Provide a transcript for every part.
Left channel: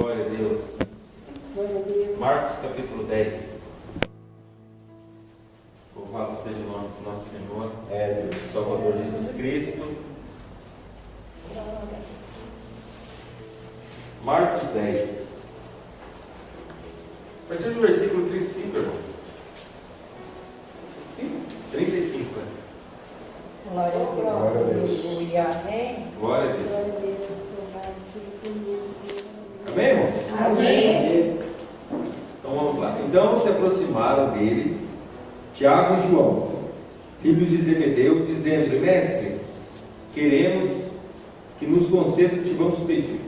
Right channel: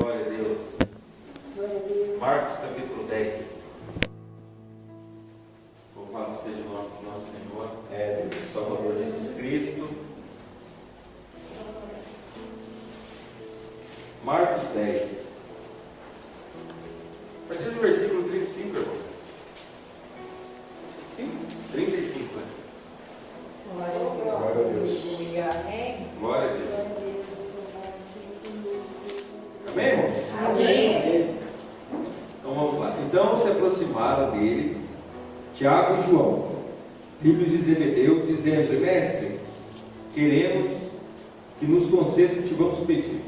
Glória a Deus. Marcos capítulo 10. Louvado seja o nome do nosso Senhor, Salvador Jesus Cristo. Marcos 10. A partir do versículo 35, irmãos. Sim, 35. Glória a Deus. Glória a Deus. Amém, irmãos? Amém. Então vamos lá. Então se aproximaram dele Tiago e João, filhos de Zebedeu, dizendo: Mestre, queremos que nos conceda o que te vamos pedir.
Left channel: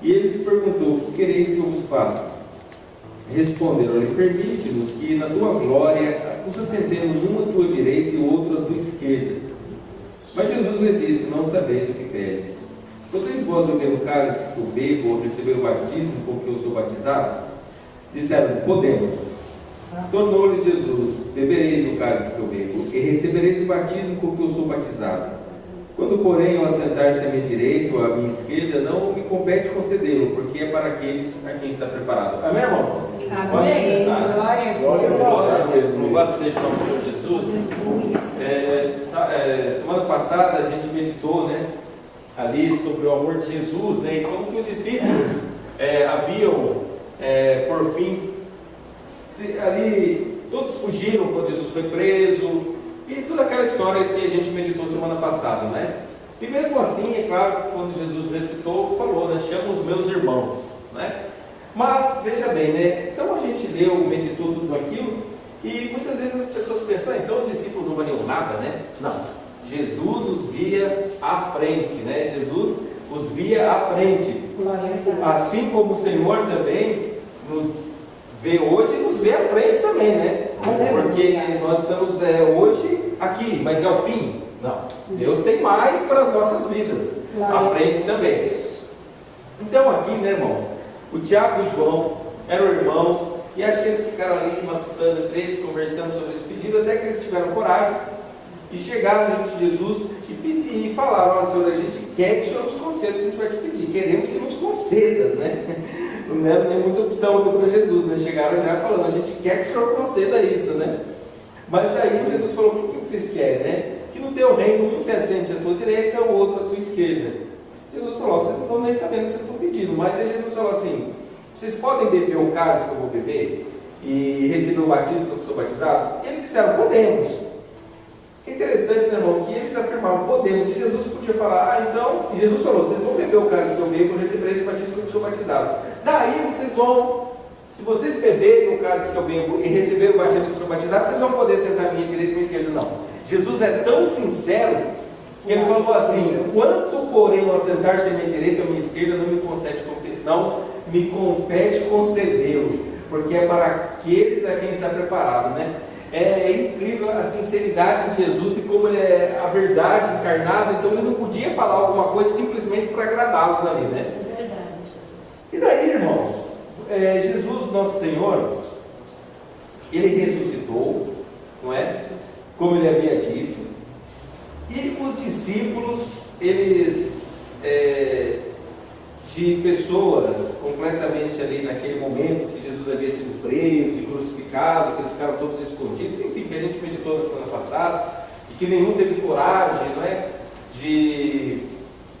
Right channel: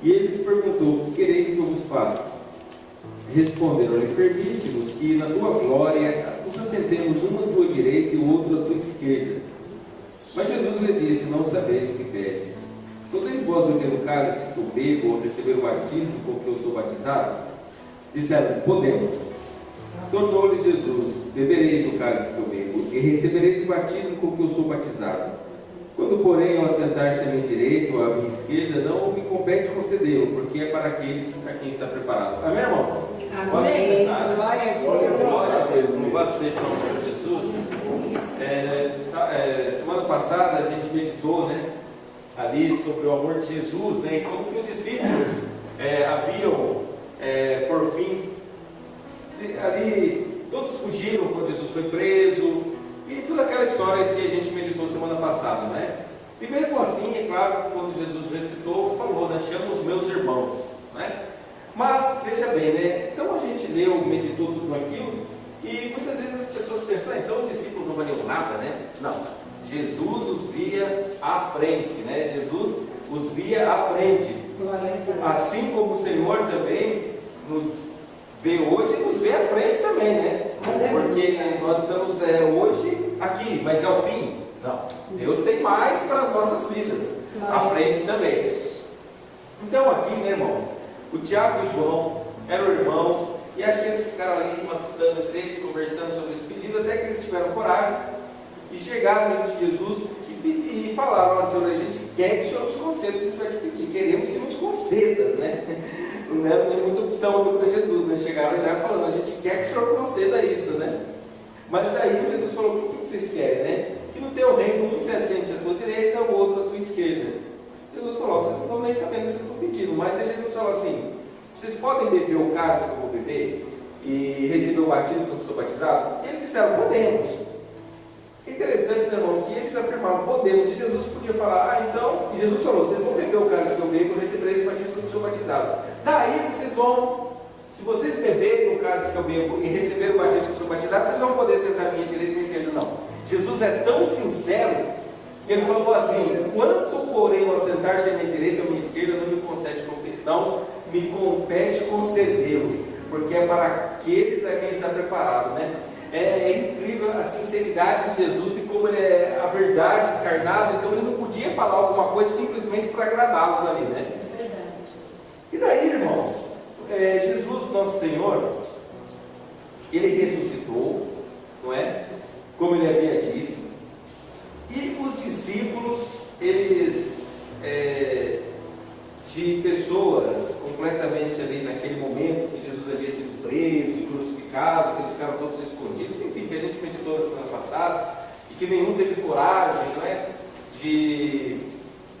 E ele lhes perguntou: o que quereis que eu vos faça? Responderam-lhe: permite-nos que na tua glória nos assentemos um à tua direita e o outro à tua esquerda. Mas Jesus lhe disse: não sabeis o que pedes. Podeis vós beber o cálice que eu bebo ou receber o batismo com que eu sou batizado? Disseram: podemos. Tornou-lhe Jesus: bebereis o cálice que eu bebo e recebereis o batismo com que eu sou batizado. Quando, porém, ao assentar-se à minha direita ou à minha esquerda, não me compete concedê-lo, porque é para aqueles a quem está preparado. Amém, irmãos? Amém. Glória a Deus. Louvado seja o nome do Senhor Jesus. Semana passada a gente meditou, ali sobre o amor de Jesus, e como que os discípulos haviam, por fim, ali todos fugiram quando Jesus foi preso, e toda aquela história que a gente meditou semana passada, E mesmo assim, é claro, quando Jesus ressuscitou, falou, chama os meus irmãos, Mas, veja bem, então a gente leu, meditou tudo aquilo, e muitas vezes as pessoas pensam: então os discípulos não valiam nada, Não. Jesus os via à frente, Jesus os via à frente. Assim como o Senhor também nos vê hoje, nos vê à frente também, Porque nós estamos hoje aqui, mas é o fim? Não. Deus tem mais para as nossas vidas, à frente também. Então aqui, irmãos, o Tiago e o João eram irmãos, e acho que eles ficaram ali matutando entre eles, conversando sobre esse pedido, até que eles tiveram coragem e chegaram diante de Jesus e falaram: olha, Senhor, a gente quer que o Senhor nos conceda o que a gente vai te pedir, queremos que nos concedas, Não é nem muita opção para Jesus, Chegaram já falando: a gente quer que o Senhor conceda isso, Mas daí Jesus falou: o que vocês querem, Que no teu reino um se assente à tua direita, o outro à tua esquerda. Jesus falou: vocês não estão nem sabendo o que vocês estão pedindo. Mas daí Jesus falou assim: vocês podem beber o cálice que eu vou beber e receber o batismo que eu sou batizado? Eles disseram: podemos. Interessante, irmão, que eles afirmaram: podemos. E Jesus podia falar: então, e Jesus falou: vocês vão beber o cálice que eu bebo e recebereis o batismo que eu sou batizado. Daí vocês vão, se vocês beberem o cálice que eu bebo e receberem o batismo que eu sou batizado, vocês vão poder sentar à minha direita e à minha esquerda. Não. Jesus é tão sincero que ele falou assim: quanto, porém, ao sentar-se à minha direita ou à minha esquerda, não me compete concedê-lo, porque é para aqueles a quem está preparado, É incrível a sinceridade de Jesus e como ele é a verdade encarnada. Então ele não podia falar alguma coisa simplesmente para agradá-los ali, E daí, irmãos, Jesus, nosso Senhor, ele ressuscitou, Como ele havia dito, e os discípulos, eles, de pessoas completamente ali naquele momento que Jesus havia sido preso e crucificado, que eles ficaram todos escondidos, enfim, que a gente meditou na semana passada, e que nenhum teve coragem, de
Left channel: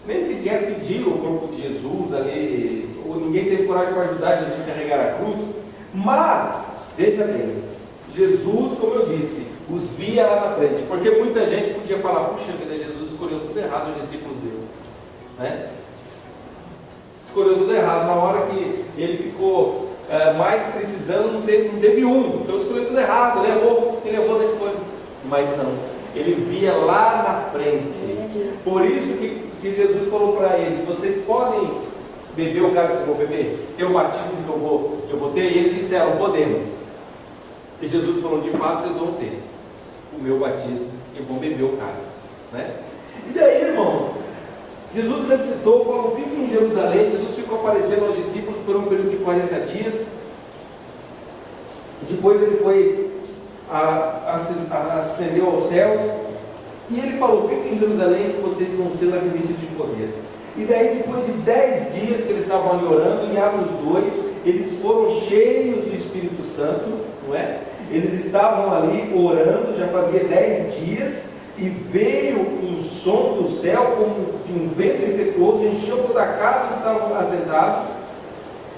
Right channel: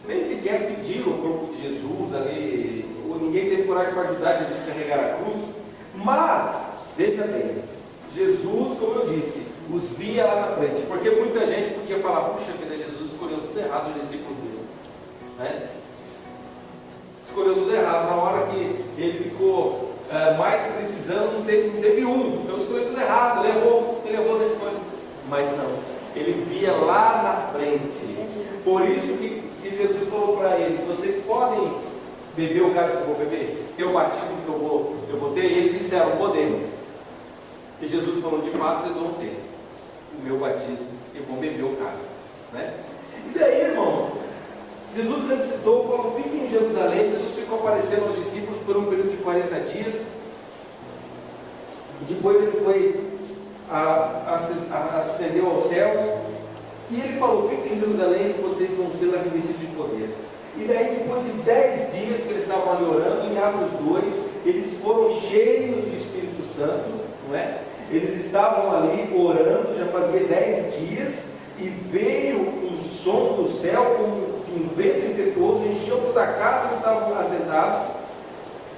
nem sequer pedir o corpo de Jesus ali, ou ninguém teve coragem para ajudar Jesus a carregar a cruz. Mas, veja bem, Jesus, como eu disse, os via lá na frente, porque muita gente podia falar: puxa vida, Jesus escolheu tudo errado os discípulos dele, escolheu tudo errado, na hora que ele ficou mais precisando, não teve um, então escolheu tudo errado, ele levou nesse ponto. Mas não, ele via lá na frente. Por isso que Jesus falou para eles: vocês podem beber o cálice que eu vou beber, ter o batismo que eu vou ter? E eles disseram: podemos. E Jesus falou: de fato vocês vão ter o meu batismo e vão beber o cálice, E daí, irmãos, Jesus ressuscitou, falou: fiquem em Jerusalém. Jesus ficou aparecendo aos discípulos por um período de 40 dias. Depois ele foi ascendeu aos céus, e ele falou: fiquem em Jerusalém, que vocês vão ser revestidos de poder. E daí, depois de 10 dias que eles estavam ali orando, em Atos 2, eles foram cheios do Espírito Santo, não é? Eles estavam ali orando, já fazia 10 dias, e veio um som do céu como de um vento impetuoso, encheu toda a casa que estavam assentados,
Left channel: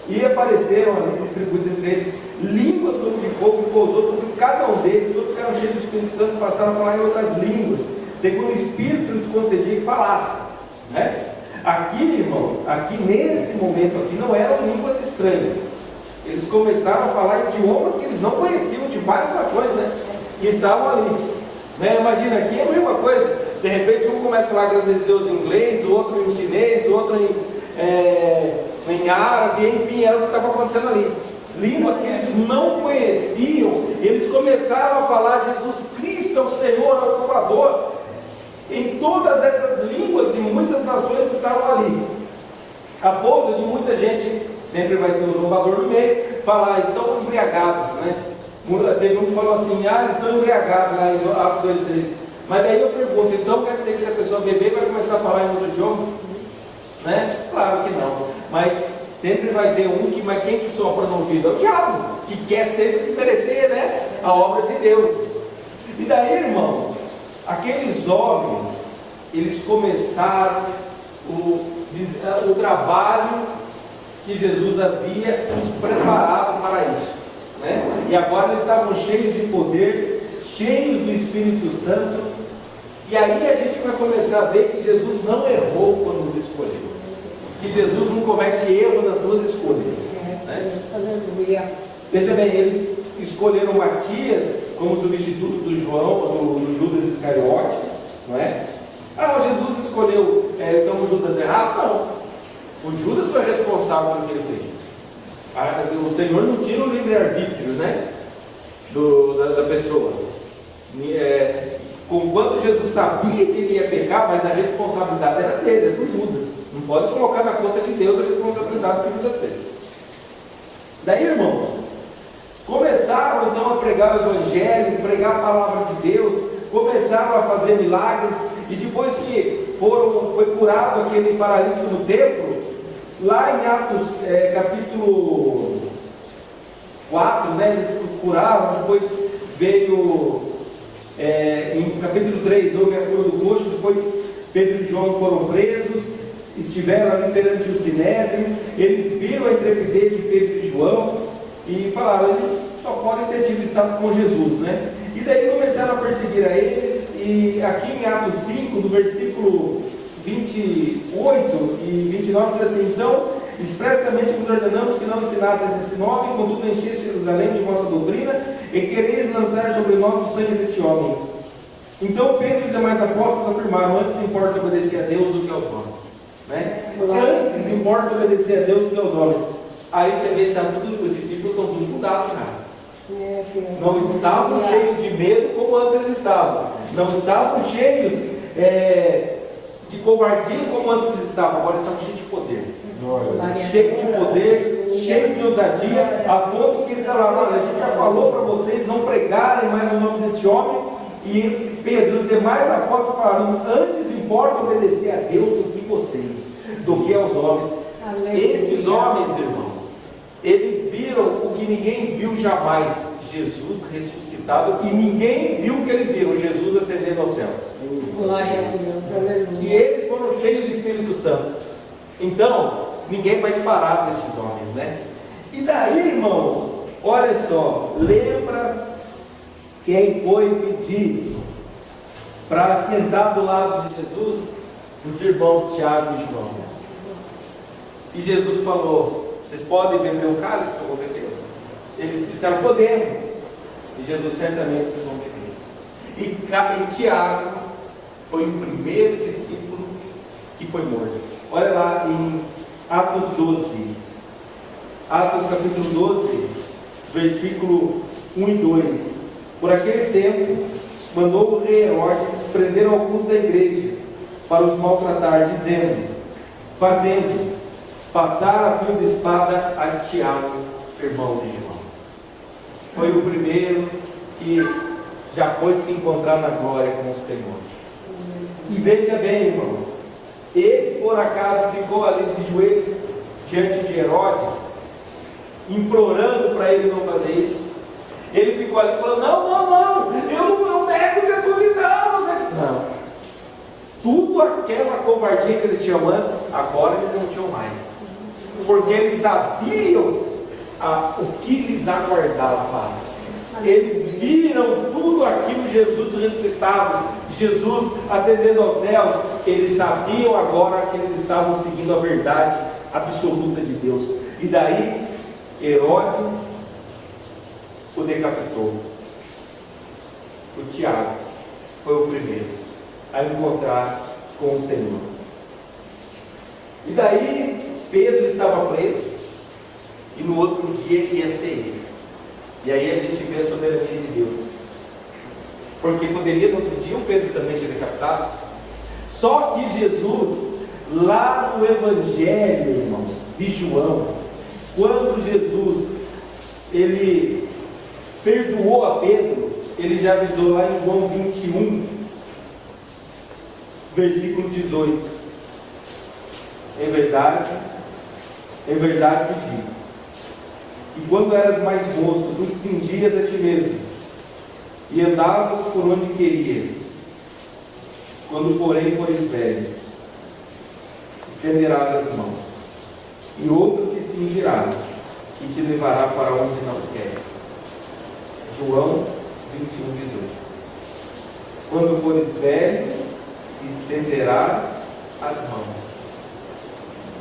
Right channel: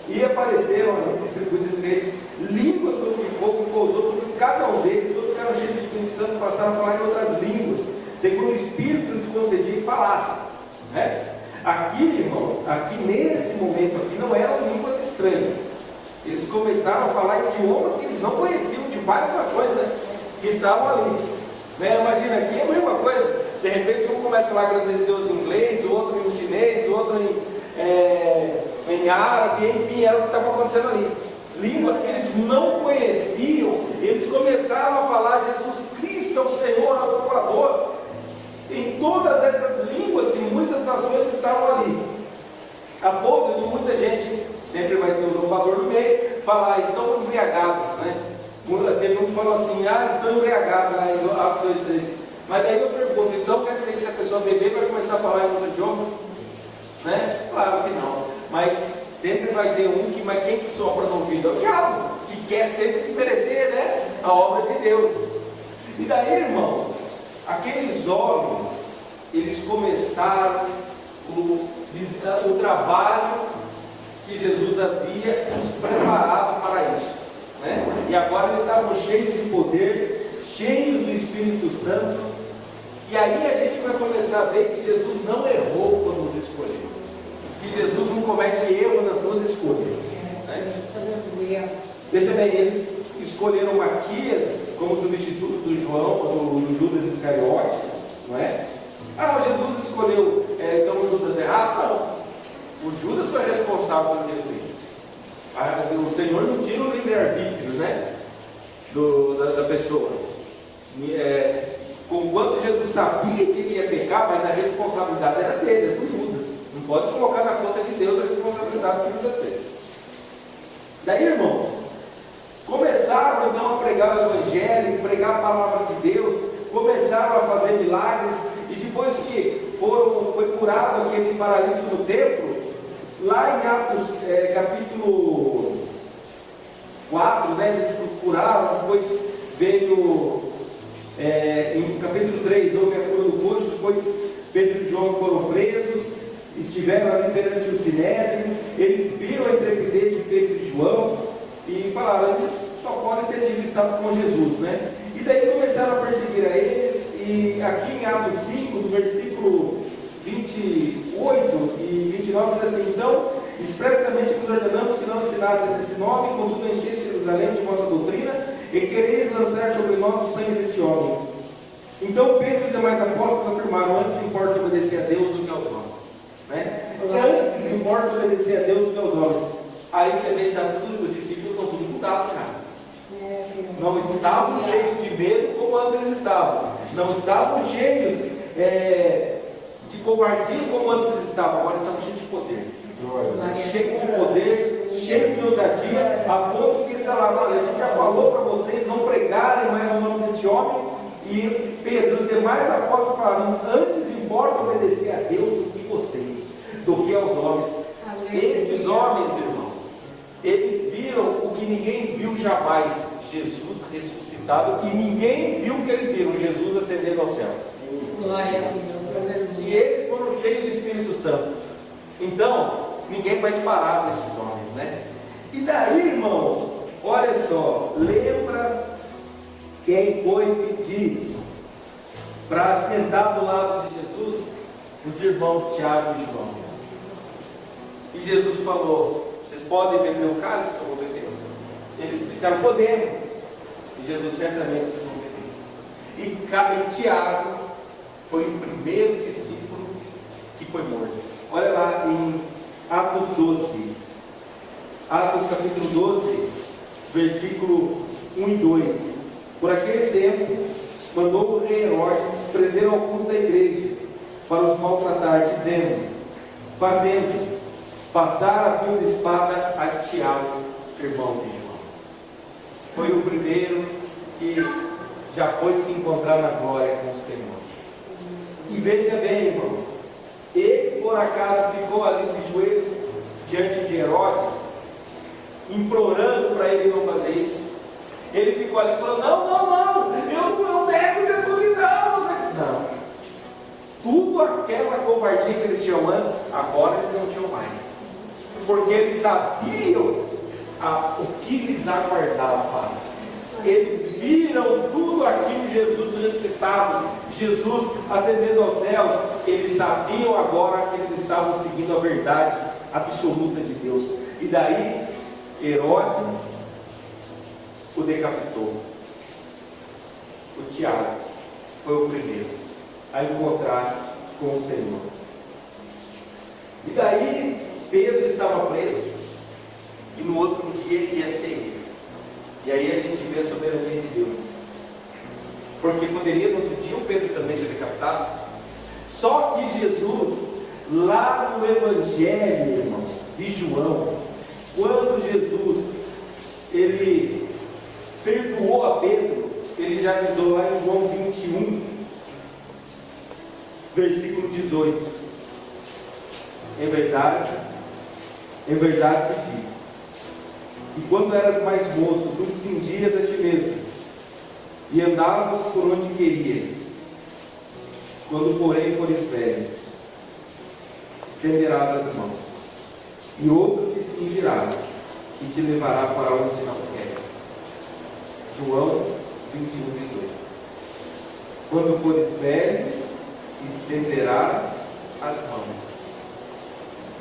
e apareceram ali, distribuídos entre eles, línguas como de fogo, que pousou sobre cada um deles, todos ficaram cheios do Espírito Santo, passaram a falar em outras línguas, segundo o Espírito lhes concedia que falassem, né? Aqui, irmãos, aqui nesse momento aqui, não eram línguas estranhas. Eles começaram a falar idiomas que eles não conheciam, de várias nações, né? E estavam ali, né? Imagina, aqui é a mesma coisa. De repente um começa a falar agradecer a Deus em inglês, o outro em chinês, o outro em árabe, enfim, era o que estava acontecendo ali. Línguas que eles não conheciam, eles começaram a falar: Jesus Cristo é o Senhor, é o Salvador. Em todas essas línguas de muitas nações que estavam ali, a ponto de muita gente, sempre vai ter um zombador no meio, falar: estão embriagados, né? Teve um que falou assim: estão embriagados, lá em Atos 2:3. Mas daí eu pergunto: então quer dizer que se a pessoa beber vai começar a falar em outro idioma? Né? Claro que não, mas sempre vai ter um que, mas quem que sopra no ouvido? É o diabo, que quer sempre desmerecer, né, a obra de Deus. E daí, irmãos, aqueles homens, eles começaram o trabalho que Jesus havia nos preparado para isso, né? E agora eles estavam cheios de poder, cheios do Espírito Santo, e aí a gente vai começar a ver que Jesus não errou quando nos escolheu, que Jesus não comete erro nas suas escolhas, né? Veja bem, eles escolheram Matias como substituto do João, do Judas Iscariotes, não é? Jesus escolheu então o Judas errado? Não. O Judas foi responsável pelo que ele fez. O Senhor não tira o livre-arbítrio, né, da pessoa. Conquanto Jesus sabia que ele ia pecar, mas a responsabilidade era dele, do Judas. Não pode colocar na conta de Deus a responsabilidade que Judas fez. Daí, irmãos, começaram então a pregar o Evangelho, pregar a palavra de Deus, começaram a fazer milagres, e depois que foi curado aquele paralítico no templo, lá em Atos capítulo 4, né, eles curaram, depois veio em capítulo 3, houve a cura do coxo, depois Pedro e João foram presos, estiveram ali perante o Sinédrio, eles viram a intrepidez de Pedro e João, e falaram: eles só podem ter tido estado com Jesus, né? E daí começaram a perseguir a eles, e aqui em Atos 5, do versículo 28 e 29, diz assim: então, expressamente vos ordenamos que não ensinasseis esse nome, contudo encheste Jerusalém de vossa doutrina, e quereis lançar sobre nós o sangue deste homem. Então Pedro e os demais apóstolos afirmaram: antes importa obedecer a Deus do que aos homens, né? Antes importa obedecer a Deus do que aos homens. Aí você vê que os discípulos estão tudo mudados já. Não estavam cheios de medo como antes eles estavam. Não estavam cheios de covardia como antes eles estavam. Agora estavam cheios de poder. Cheios de poder, cheios de ousadia, a ponto que eles falaram: olha, a gente já falou para vocês não pregarem mais o nome desse homem. E Pedro e os demais apóstolos falaram: antes importa obedecer a Deus do que vocês, do que aos homens. Esses homens, irmãos, eles viram o que ninguém viu jamais: Jesus ressuscitado, e ninguém viu o que eles viram: Jesus ascendendo aos céus. Glória a Deus. E eles foram cheios do Espírito Santo. Então, ninguém vai parar desses homens, né? E daí, irmãos, olha só, lembra quem foi pedir para sentar do lado de Jesus? Os irmãos Tiago e João. E Jesus falou: vocês podem beber o cálice que eu vou beber? Eles disseram: podemos. E Jesus: certamente vocês vão beber. E Tiago foi o primeiro discípulo que foi morto. Olha lá em Atos 12. Atos capítulo 12, versículo 1 e 2. Por aquele tempo, mandou o rei Herodes prender alguns da igreja para os maltratar, fazendo passar a fio de espada a Tiago, irmão de João. Foi o primeiro que já foi se encontrar na glória com o Senhor. E veja bem, irmãos, ele por acaso ficou ali de joelhos diante de Herodes, implorando para ele não fazer isso. Ele ficou ali falando: não, eu não nego Jesus então. Não. Tudo aquela covardia que eles tinham antes, agora eles não tinham mais. Porque eles sabiam o que lhes aguardava. Eles viram tudo aquilo, Jesus ressuscitado, Jesus ascendendo aos céus. Eles sabiam agora que eles estavam seguindo a verdade absoluta de Deus. E daí Herodes o decapitou. O Tiago foi o primeiro a encontrar com o Senhor. E daí Pedro estava preso, e no outro dia ia ser ele. E aí a gente vê a soberania de Deus, porque poderia no outro dia o Pedro também ser decapitado. Só que Jesus, lá no Evangelho, irmãos, de João, quando Jesus ele perdoou a Pedro, ele já avisou lá em João 21, versículo 18: em verdade te digo, e quando eras mais moço, tu te cingias a ti mesmo, e andavas por onde querias. Quando porém fores velho, estenderás as mãos, e outro te cingirá, e te levará para onde não queres. João 21, 18. Quando fores velho, estenderás as mãos.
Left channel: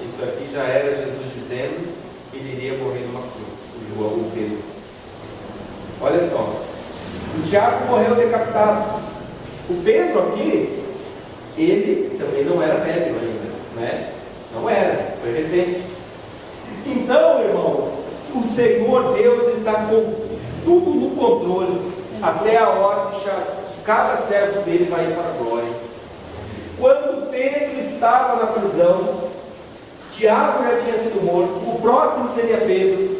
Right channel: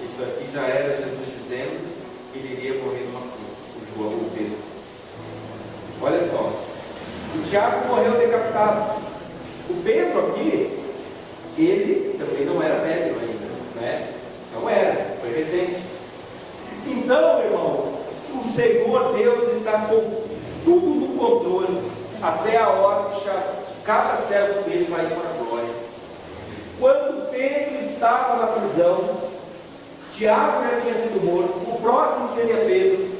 Isso aqui já era Jesus dizendo que ele iria morrer numa cruz. João, o Pedro. Olha só, o Tiago morreu decapitado. O Pedro aqui, ele também não era velho ainda, né? Não era, foi recente. Então, irmãos, o Senhor Deus está com tudo no controle, até a hora de cada servo dele vai ir para a glória. Quando Pedro estava na prisão, Tiago já tinha sido morto, o próximo seria Pedro.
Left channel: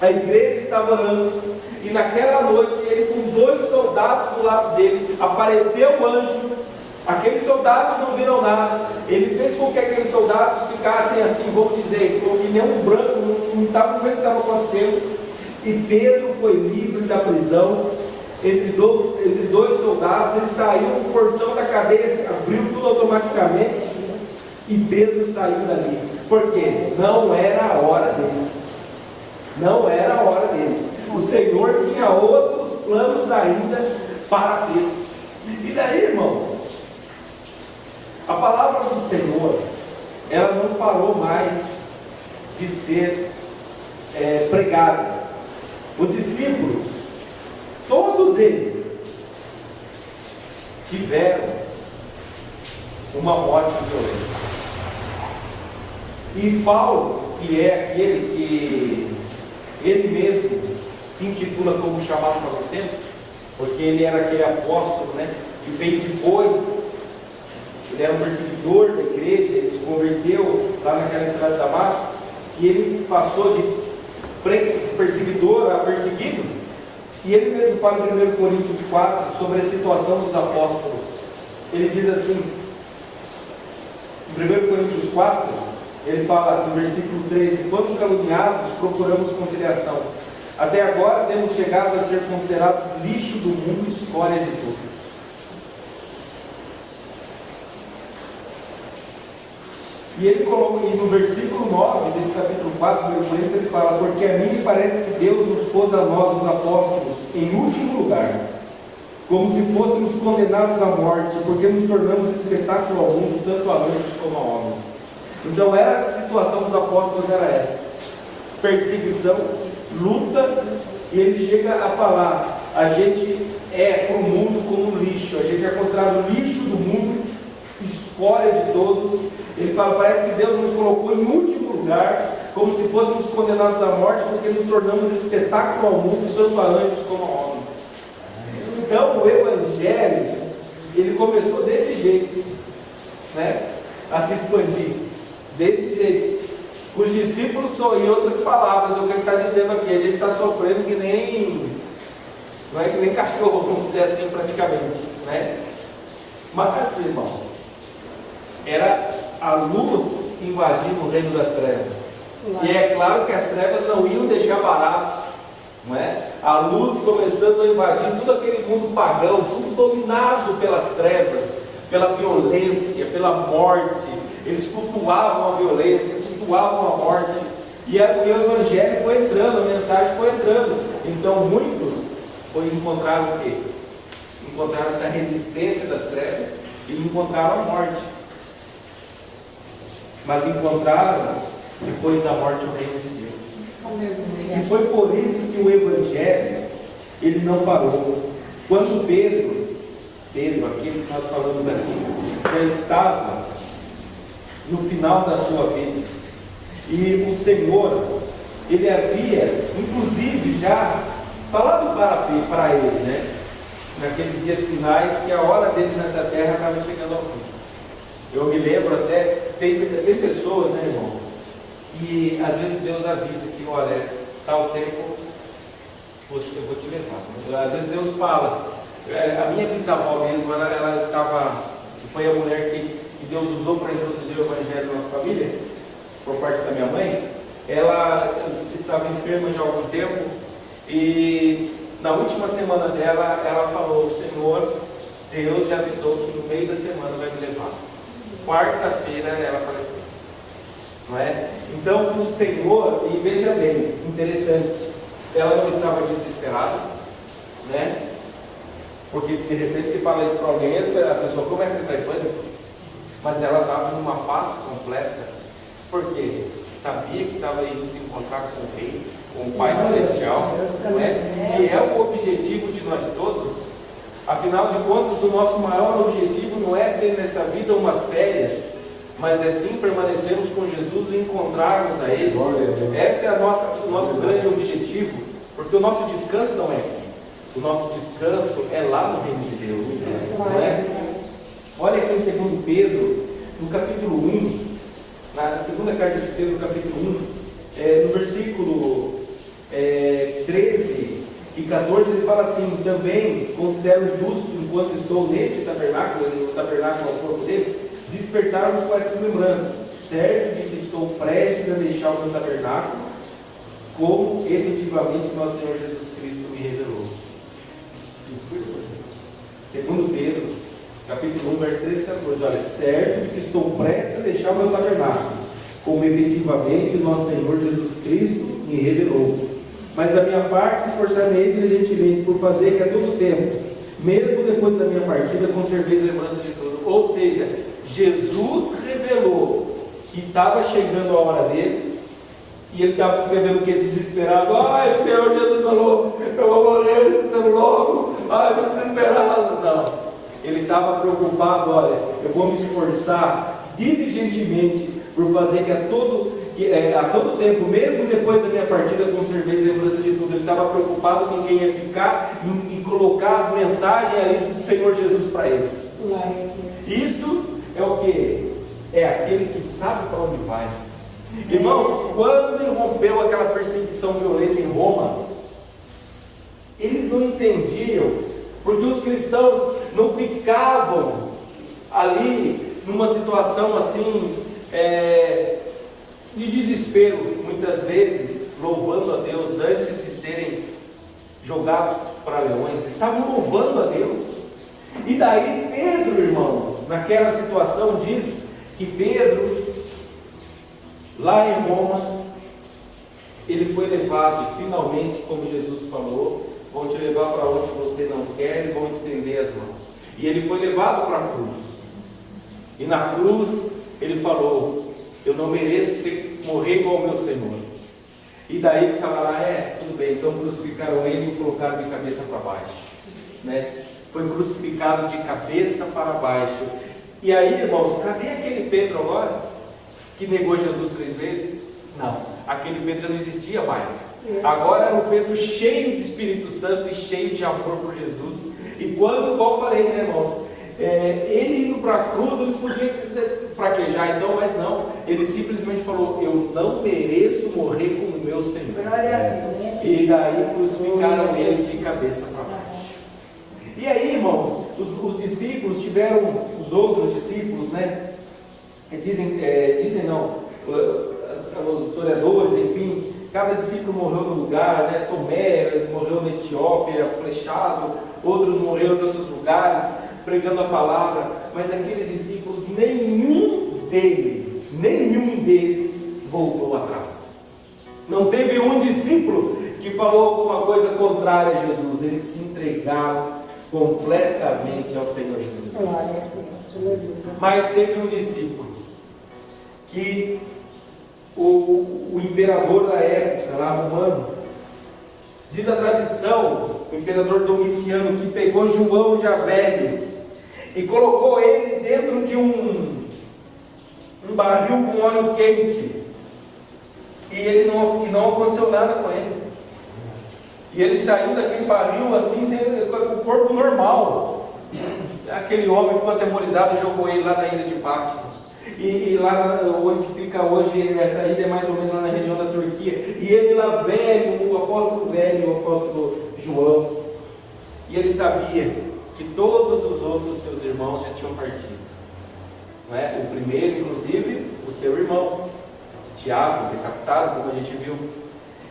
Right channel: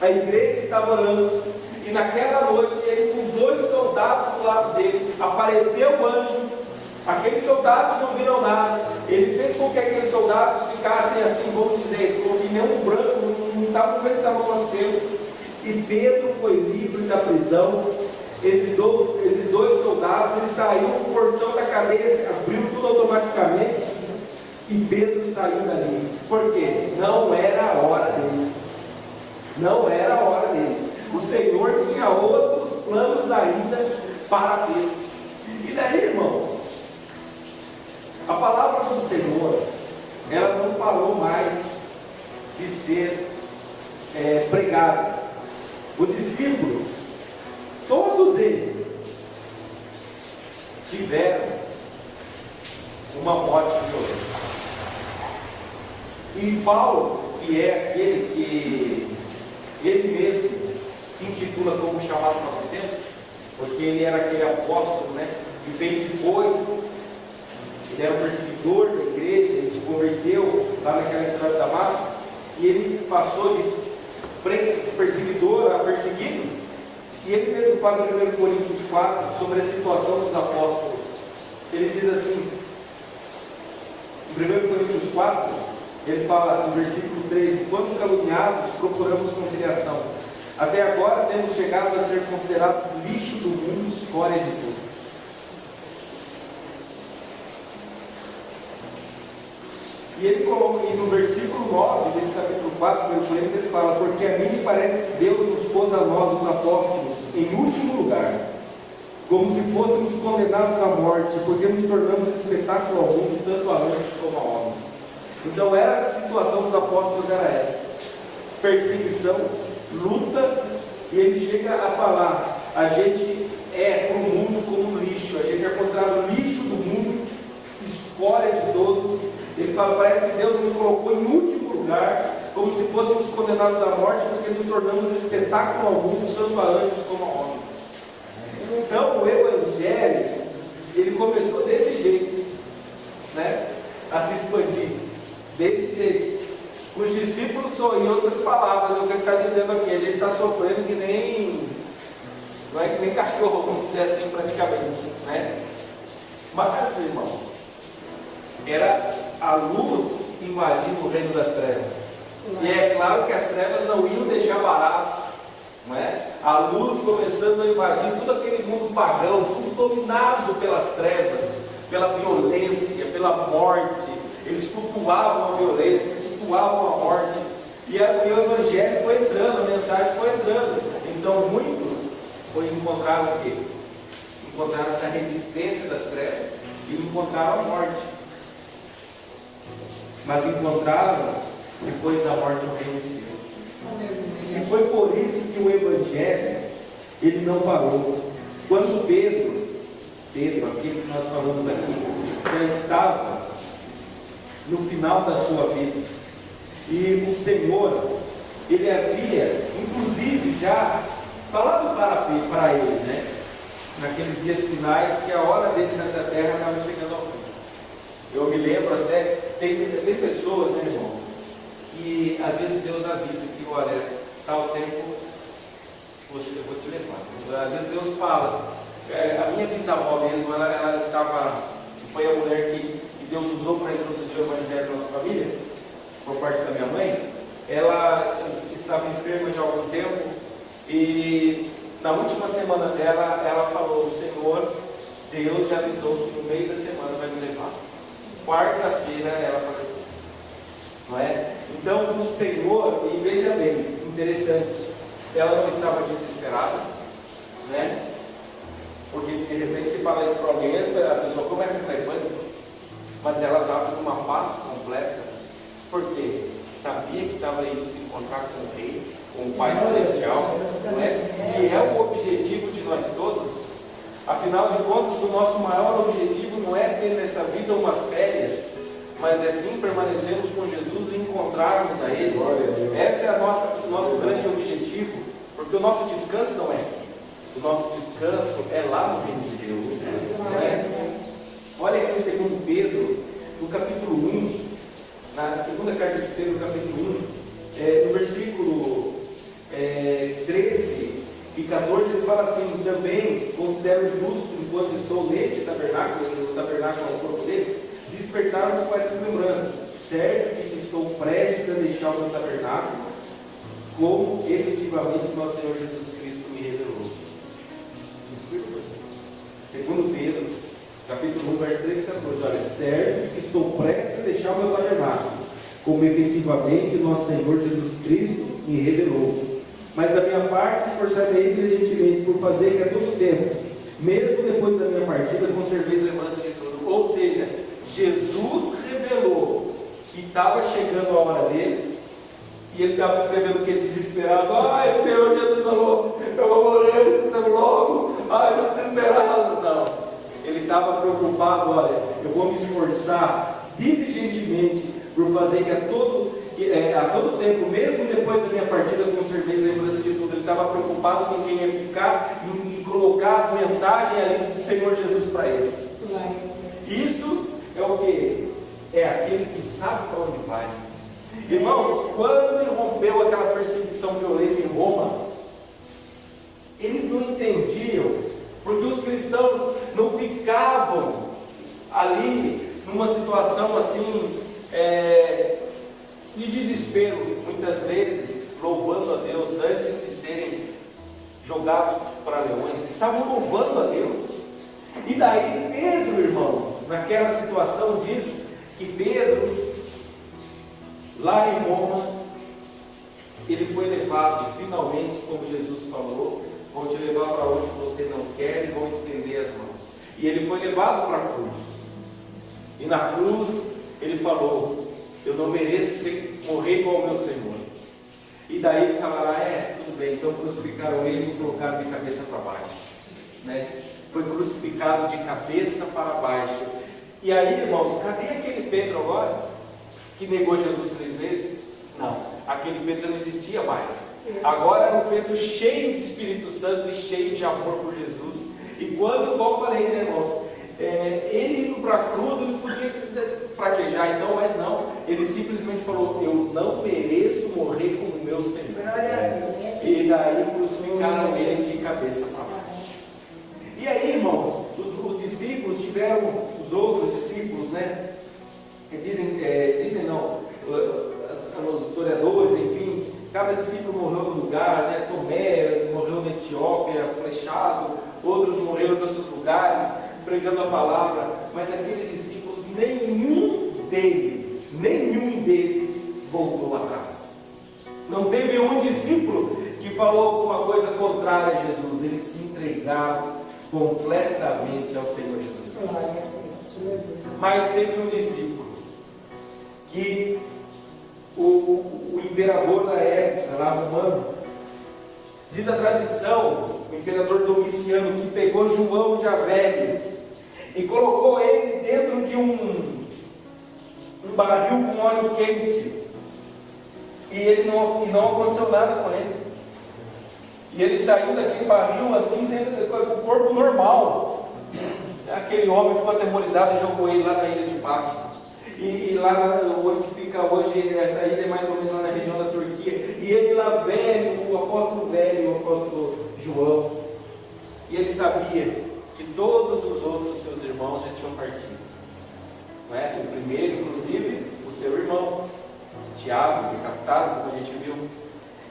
A igreja estava orando, e naquela noite ele, com 2 soldados do lado dele, apareceu um anjo. Aqueles soldados não viram nada. Ele fez com que aqueles soldados ficassem assim, vamos dizer, como que nem um branco, não estavam vendo o que estava acontecendo. E Pedro foi livre da prisão, entre dois soldados. Ele saiu, o portão da cadeia abriu tudo automaticamente, e Pedro saiu dali. Por quê? Não era a hora dele. Não era a hora dele. O Senhor tinha outros planos ainda para Pedro. E daí, irmãos, a palavra do Senhor, ela não parou mais de ser pregada. Os discípulos, todos eles, tiveram uma morte violenta. E Paulo, que é aquele que ele mesmo se intitula como chamado no nosso tempo, porque ele era aquele apóstolo, né, que veio depois, ele era um perseguidor da igreja, ele se converteu lá naquela estrada de Damasco, e ele passou de perseguidor a perseguido, e ele mesmo fala em 1 Coríntios 4 sobre a situação dos apóstolos. Ele diz assim, em 1 Coríntios 4, ele fala no versículo 13: quando caluniados, procuramos conciliação. Até agora temos chegado a ser considerados lixo do mundo, escória de todos. E ele coloca no versículo 9 desse capítulo 4 do Coríntios, ele fala: porque a mim me parece que Deus nos pôs a nós, os apóstolos, em último lugar, como se fôssemos condenados à morte, porque nos tornamos espetáculo ao mundo, tanto a anjos como a homens. Então a situação dos apóstolos era essa: perseguição, luta, e ele chega a falar: a gente é para o mundo como lixo, a gente é considerado lixo do mundo, escória de todos. Ele fala: parece que Deus nos colocou em último lugar, como se fôssemos condenados à morte, porque nos tornamos espetáculo ao mundo, tanto a anjos como a homens. Então o Evangelho, ele começou desse jeito, né, a se expandir. Desse jeito, com os discípulos só, em outras palavras, é o que ele está dizendo aqui: a gente está sofrendo que nem, não é que nem cachorro, vamos dizer assim, praticamente, né? Mas, irmãos, era a luz invadindo o reino das trevas. E é claro que as trevas não iam deixar barato, não é? A luz começando a invadir todo aquele mundo pagão, tudo dominado pelas trevas, pela violência, pela morte. Eles cultuavam a violência, cultuavam a morte. E o Evangelho foi entrando, a mensagem foi entrando. Então muitos encontraram o quê? Encontraram essa resistência das trevas e encontraram a morte. Mas encontraram, depois da morte, o reino de Deus. E foi por isso que o Evangelho, ele não parou. Quando Pedro, aquele que nós falamos aqui, já estava no final da sua vida, e o Senhor, ele havia, inclusive, já falado para ele, né? Naqueles dias finais, que a hora dele nessa terra estava chegando ao fim. Eu me lembro até, tem pessoas, né, irmãos, que às vezes Deus avisa que, olha, está o tempo, eu vou te levar. Às vezes Deus fala. A minha bisavó mesmo, ela estava, foi a mulher que Deus usou para introduzir o Evangelho na nossa família, por parte da minha mãe. Ela estava enferma já há algum tempo, e na última semana dela, ela falou: o Senhor, Deus já avisou que no meio da semana vai me levar. Quarta-feira ela faleceu, não é? Então o Senhor, e veja bem, interessante, ela não estava desesperada, né? Porque de repente se fala isso para alguém, a pessoa começa a entrar em pânico, mas ela estava numa paz completa, porque sabia que estava indo se encontrar com o Rei, com o Pai Celestial, não é? Que é o objetivo de nós todos. Afinal de contas, o nosso maior objetivo não é ter nessa vida umas férias, mas é sim permanecermos com Jesus e encontrarmos a Ele. Esse é o nosso grande objetivo, porque o nosso descanso não é aqui. O nosso descanso é lá no reino de Deus, não é? Olha aqui em 2 Pedro, no capítulo 1, na segunda carta de Pedro, no capítulo 1, no versículo 13 e 14, ele fala assim: também considero justo, enquanto estou neste tabernáculo, o tabernáculo é o corpo dele, despertar-me com essas lembranças, certo de que estou prestes a deixar o meu tabernáculo, como efetivamente nosso Senhor Jesus Cristo me revelou. Segundo Pedro, capítulo 1, verso 13 e 14, olha: certo de que estou prestes a deixar o meu tabernáculo, como efetivamente nosso Senhor Jesus Cristo me revelou. Mas da minha parte esforçar-me diligentemente por fazer que a todo tempo, mesmo depois da minha partida, conserveis lembrança de tudo. Ou seja, Jesus revelou que estava chegando a hora dele, e ele estava escrevendo o que? Desesperado. Ai, o Senhor Jesus falou, eu vou morrer logo. Ai, estou desesperado. Não, ele estava preocupado. Olha, eu vou me esforçar diligentemente por fazer que a todo tempo, mesmo depois da minha partida, conserveis lembrança de tudo. Ele estava preocupado com quem ia ficar e colocar as mensagens ali do Senhor Jesus para eles. Isso é o que? É aquele que sabe para onde vai. Irmãos, quando irrompeu aquela perseguição violenta em Roma, eles não entendiam, porque os cristãos não ficavam ali numa situação assim, de desespero, muitas vezes, louvando a Deus antes de serem jogados para leões. Estavam louvando a Deus. E daí Pedro, irmãos, naquela situação, diz que Pedro, lá em Roma, ele foi levado finalmente, como Jesus falou: vão te levar para onde você não quer e vão estender as mãos. E ele foi levado para a cruz. E na cruz ele falou: eu não mereço morrer igual ao meu Senhor. E daí ele estava lá: tudo bem, então crucificaram ele e colocaram de cabeça para baixo, né? Foi crucificado de cabeça para baixo. E aí, irmãos, cadê aquele Pedro agora, que negou Jesus 3 vezes? Não, aquele Pedro já não existia mais. Agora era um Pedro cheio de Espírito Santo e cheio de amor por Jesus. E quando, igual eu falei, né, irmãos, ele indo para a cruz, ele podia fraquejar então, mas não, ele simplesmente falou: eu não mereço morrer como meu Senhor. E daí crucificaram ele de cabeça para baixo. E aí, irmãos, os discípulos tiveram, os outros discípulos, né, dizem não, os historiadores, enfim, cada discípulo morreu no lugar, né? Tomé morreu na Etiópia, flechado, outros morreram em outros lugares, pregando a palavra, mas aqueles discípulos, nenhum deles voltou atrás. Não teve um discípulo que falou alguma coisa contrária a Jesus. Eles se entregaram completamente ao Senhor Jesus Cristo. Mas teve um discípulo que o imperador da época, lá romano, diz a tradição, o imperador Domiciano, que pegou João já velho e colocou ele dentro de um barril com óleo quente, e não aconteceu nada com ele. E ele saiu daquele barril assim, com o corpo normal. Aquele homem ficou atemorizado e jogou ele lá na ilha de Patmos. E lá onde fica hoje, essa ilha é mais ou menos lá na região da Turquia. E ele lá velho, o apóstolo João. E ele sabia que todos os outros seus irmãos já tinham partido. Não é? O primeiro, inclusive, o seu irmão, Tiago, decapitado, como a gente viu.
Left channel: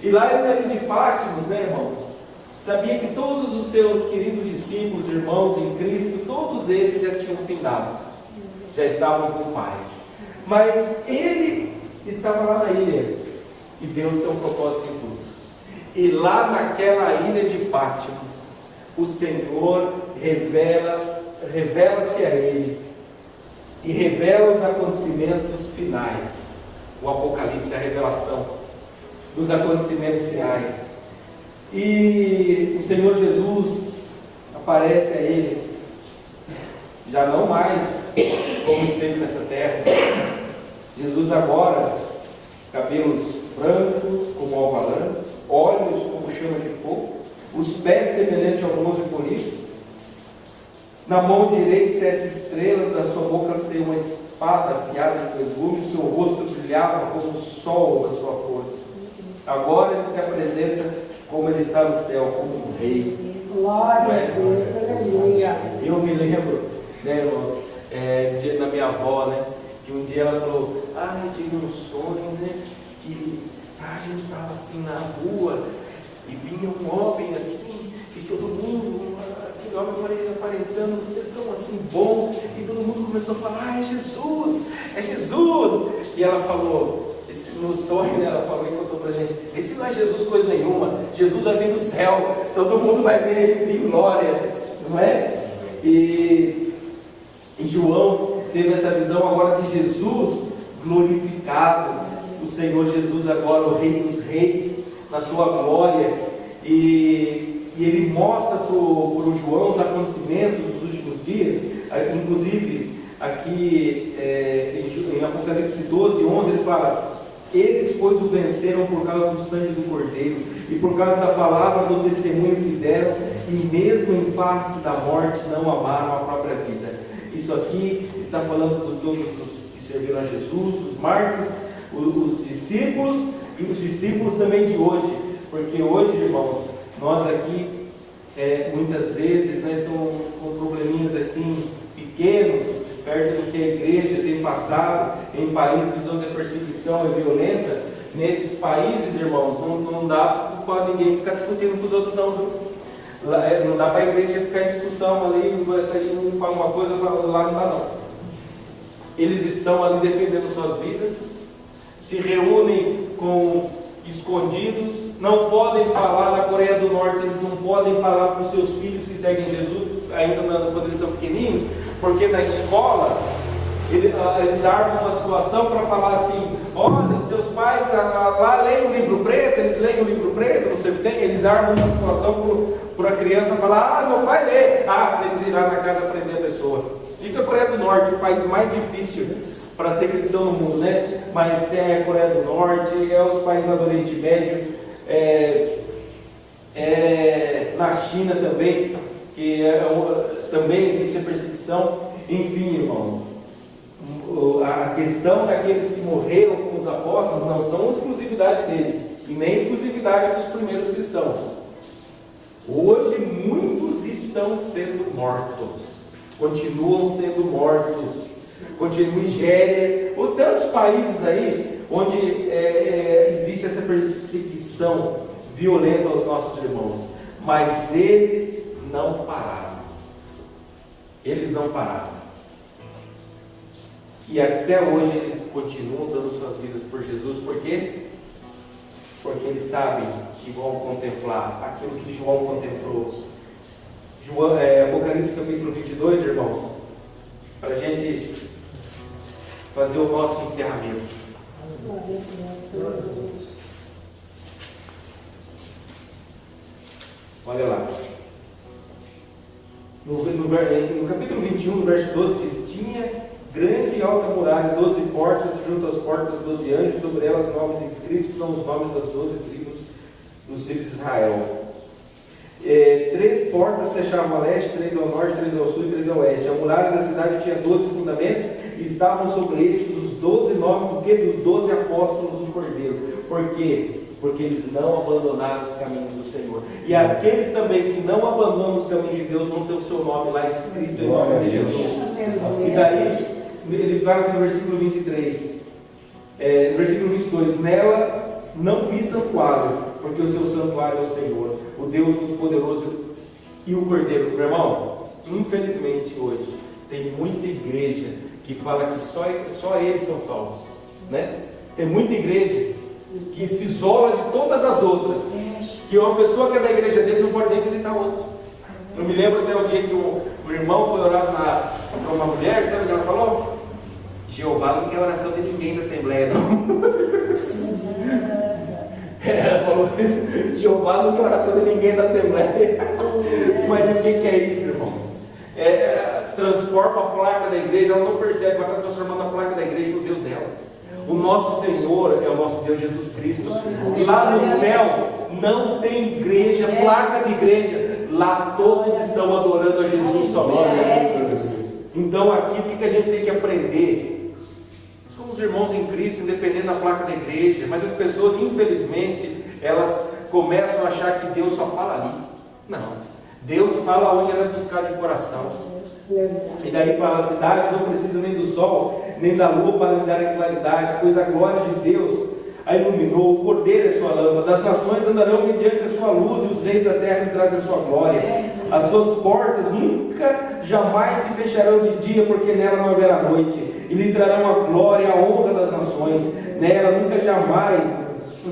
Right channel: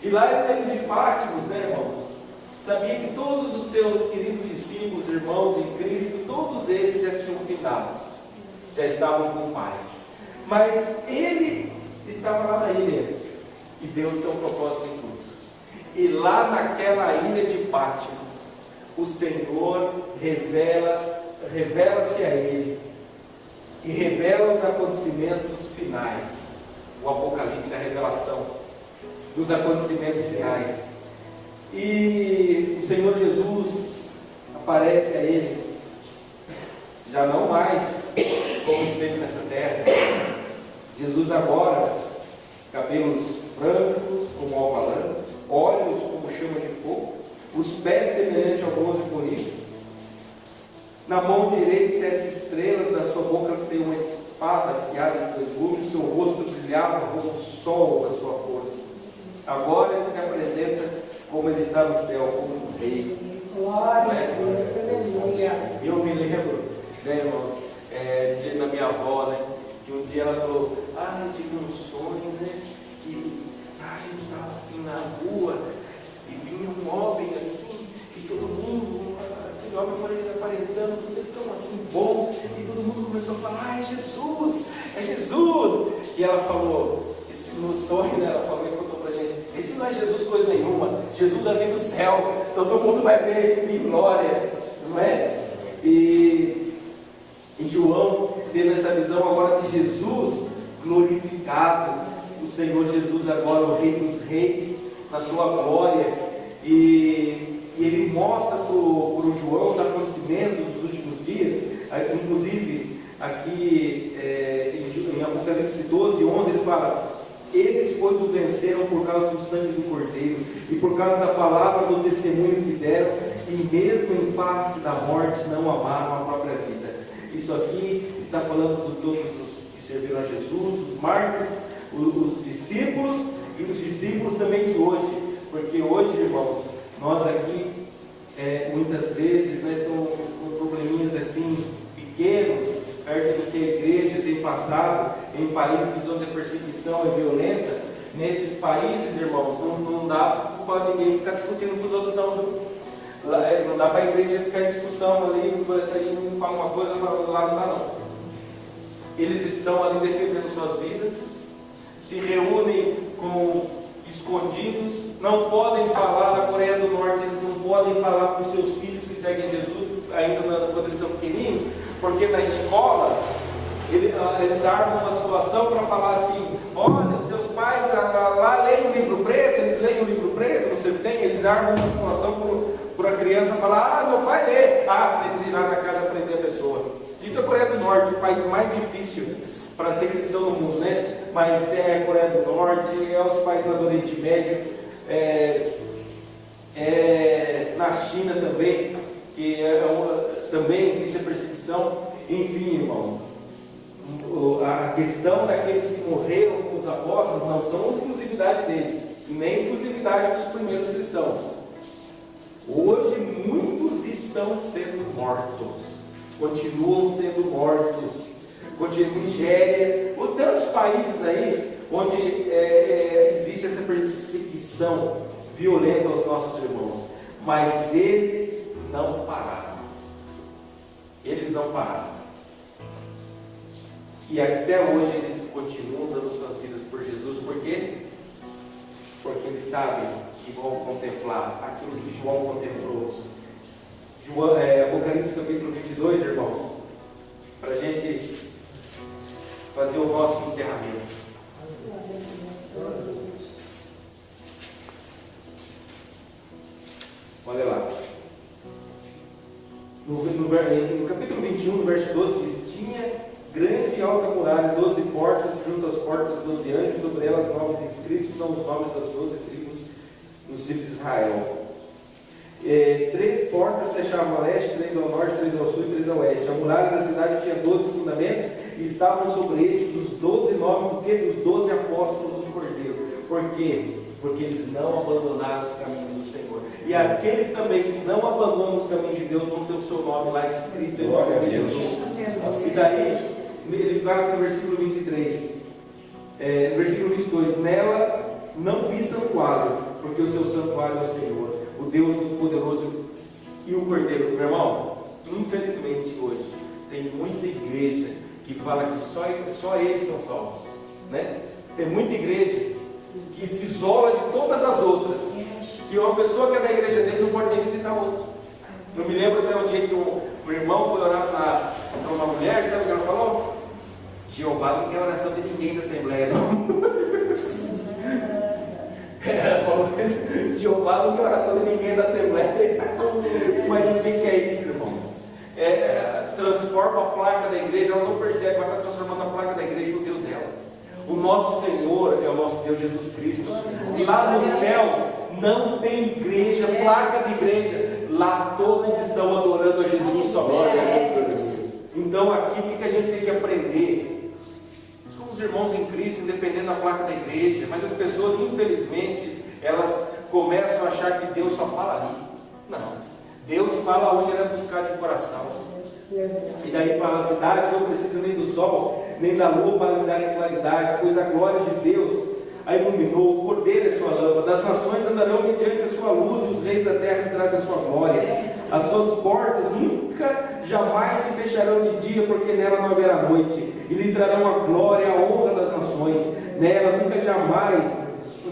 E lá na ilha de Patmos, né, irmãos? Sabia que todos os seus queridos discípulos, irmãos em Cristo, todos eles já tinham findado, já estavam com o Pai. Mas ele estava lá na ilha, e Deus tem um propósito em tudo. E lá naquela ilha de Patmos, o Senhor revela-se a ele, e revela os acontecimentos finais. O Apocalipse, a revelação dos acontecimentos finais. E o Senhor Jesus aparece a ele, já não mais como esteve nessa terra. Jesus agora, cabelos brancos como alvalã, olhos como chama de fogo, os pés semelhantes ao bronze bonito, na mão direita 7 estrelas, da sua boca saiu uma espada afiada de perfume, o seu rosto brilhava como o sol da sua força. Agora ele se apresenta como ele está no céu, como um rei. Glória a Deus, aleluia. Eu me lembro, né, irmãos, na minha avó, né, que um dia ela falou: eu tive um sonho, né, que a gente estava assim na rua e vinha um homem assim, e todo mundo, aquele homem aparentando ser tão assim bom, e todo mundo começou a falar: é Jesus, é Jesus. E ela falou, no sonho, né, ela falou e contou pra gente: esse não é Jesus coisa nenhuma, Jesus vai vir do céu, todo mundo vai ver ele em glória, não é? E João teve essa visão agora de Jesus glorificado, o Senhor Jesus agora o Rei dos Reis, na sua glória, e ele mostra para o João os acontecimentos dos últimos dias, inclusive aqui em Apocalipse 12, 11, ele fala: eles, pois, o venceram por causa do sangue do Cordeiro e por causa da palavra do testemunho que deram, e mesmo em face da morte não amaram a própria vida. Isso aqui está falando de todos os que serviram a Jesus, os mártires, os discípulos e os discípulos também de hoje, porque hoje, irmãos, nós aqui muitas vezes, né, com probleminhas assim pequenos, perto do que a igreja tem passado em países onde a perseguição é violenta. Nesses países, irmãos, não dá para ninguém ficar discutindo com os outros, não. Não dá para a igreja ficar em discussão ali, um fala uma coisa, lá não dá não. Eles estão ali defendendo suas vidas, se reúnem escondidos, não podem falar. Na Coreia do Norte eles não podem falar para os seus filhos que seguem Jesus, ainda quando eles são pequenininhos, porque na escola eles armam uma situação para falar assim: olha, os seus pais lá leem o livro preto, eles leem o livro preto, não sei o que tem. Eles armam uma situação para a criança falar: meu pai lê. Quando eles ir lá na casa prender a pessoa. Isso é a Coreia do Norte, o país mais difícil para ser cristão no mundo, né? Mas a Coreia do Norte, os países lá do Oriente Médio, na China também, que também existe a perseguição. Enfim, irmãos, a questão daqueles que morreram com os apóstolos não são exclusividade deles, e nem exclusividade dos primeiros cristãos. Hoje muitos estão sendo mortos, continuam sendo mortos. Continua Nigéria, ou tantos países aí onde existe essa perseguição violenta aos nossos irmãos, mas eles não pararam. Eles não pararam. E até hoje eles continuam dando suas vidas por Jesus. Por quê? Porque eles sabem que vão contemplar aquilo que João contemplou. Apocalipse capítulo 22, irmãos, para a gente fazer o nosso encerramento. Olha lá. No capítulo 21, no verso 12, diz: tinha grande e alta muralha, 12 portas, junto às portas 12 anjos, sobre elas 9 inscritos, são os nomes das 12 tribos dos filhos de Israel. 3 portas fechavam a leste, 3 ao norte, 3 ao sul e 3 ao oeste. A muralha da cidade tinha 12 fundamentos, e estavam sobre estes os 12 nomes dos 12 apóstolos do Cordeiro. Por quê? Porque eles não abandonaram os caminhos do Senhor. E aqueles também que não abandonam os caminhos de Deus vão ter o seu nome lá escrito em nome de Jesus. E daí, ele fala aqui no versículo 23, no versículo 22, nela não vi santuário, porque o seu santuário é o Senhor, o Deus Todo-Poderoso e o Cordeiro. Meu irmão, infelizmente hoje tem muita igreja que fala que só eles são salvos, né? Tem muita igreja que se isola de todas as outras, que uma pessoa que é da igreja dele não pode nem visitar outra. Eu me lembro até o dia que o irmão foi orar para uma mulher, sabe o que ela falou? Jeová não quer oração de ninguém da Assembleia, não. Ela falou isso: Jeová não quer oração de ninguém da Assembleia. Mas o que é isso, irmãos? Transforma a placa da igreja, ela não percebe, ela está transformando a placa da igreja no Deus dela. O nosso Senhor é o nosso Deus Jesus Cristo. Lá no céu não tem igreja, placa de igreja. Lá todos estão adorando a Jesus somente. Então aqui o que a gente tem que aprender? Somos irmãos em Cristo, independente da placa da igreja. Mas as pessoas, infelizmente, elas começam a achar que Deus só fala ali. Não, Deus fala onde ela é buscar de coração. E daí fala: a cidade não precisa nem do sol, nem da lua para lhe dar claridade, pois a glória de Deus a iluminou, o Cordeiro é sua lâmpada, as nações andarão mediante a sua luz, e os reis da terra lhe trazem a sua glória. As suas portas nunca, jamais se fecharão de dia, porque nela não haverá noite, e lhe trarão a glória e a honra das nações. Nela nunca jamais